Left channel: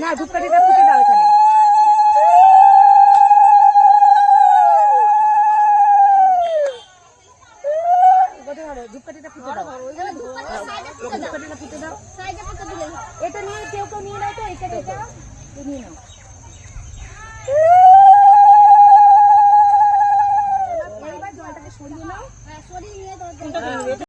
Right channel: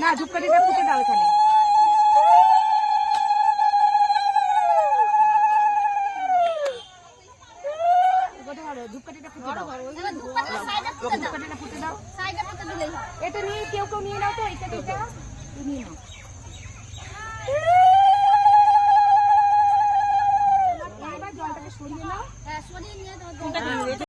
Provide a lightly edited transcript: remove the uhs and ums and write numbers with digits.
না ধূপকাঠিটা ফুটে দাও এখানে। ধূপকাঠিটা ফুটে দাও, ধূপকাঠিটা ফুটে দাও। এটা নিয়ে কেউ নিয়ে নাও তো, এটা নিয়ে নাও।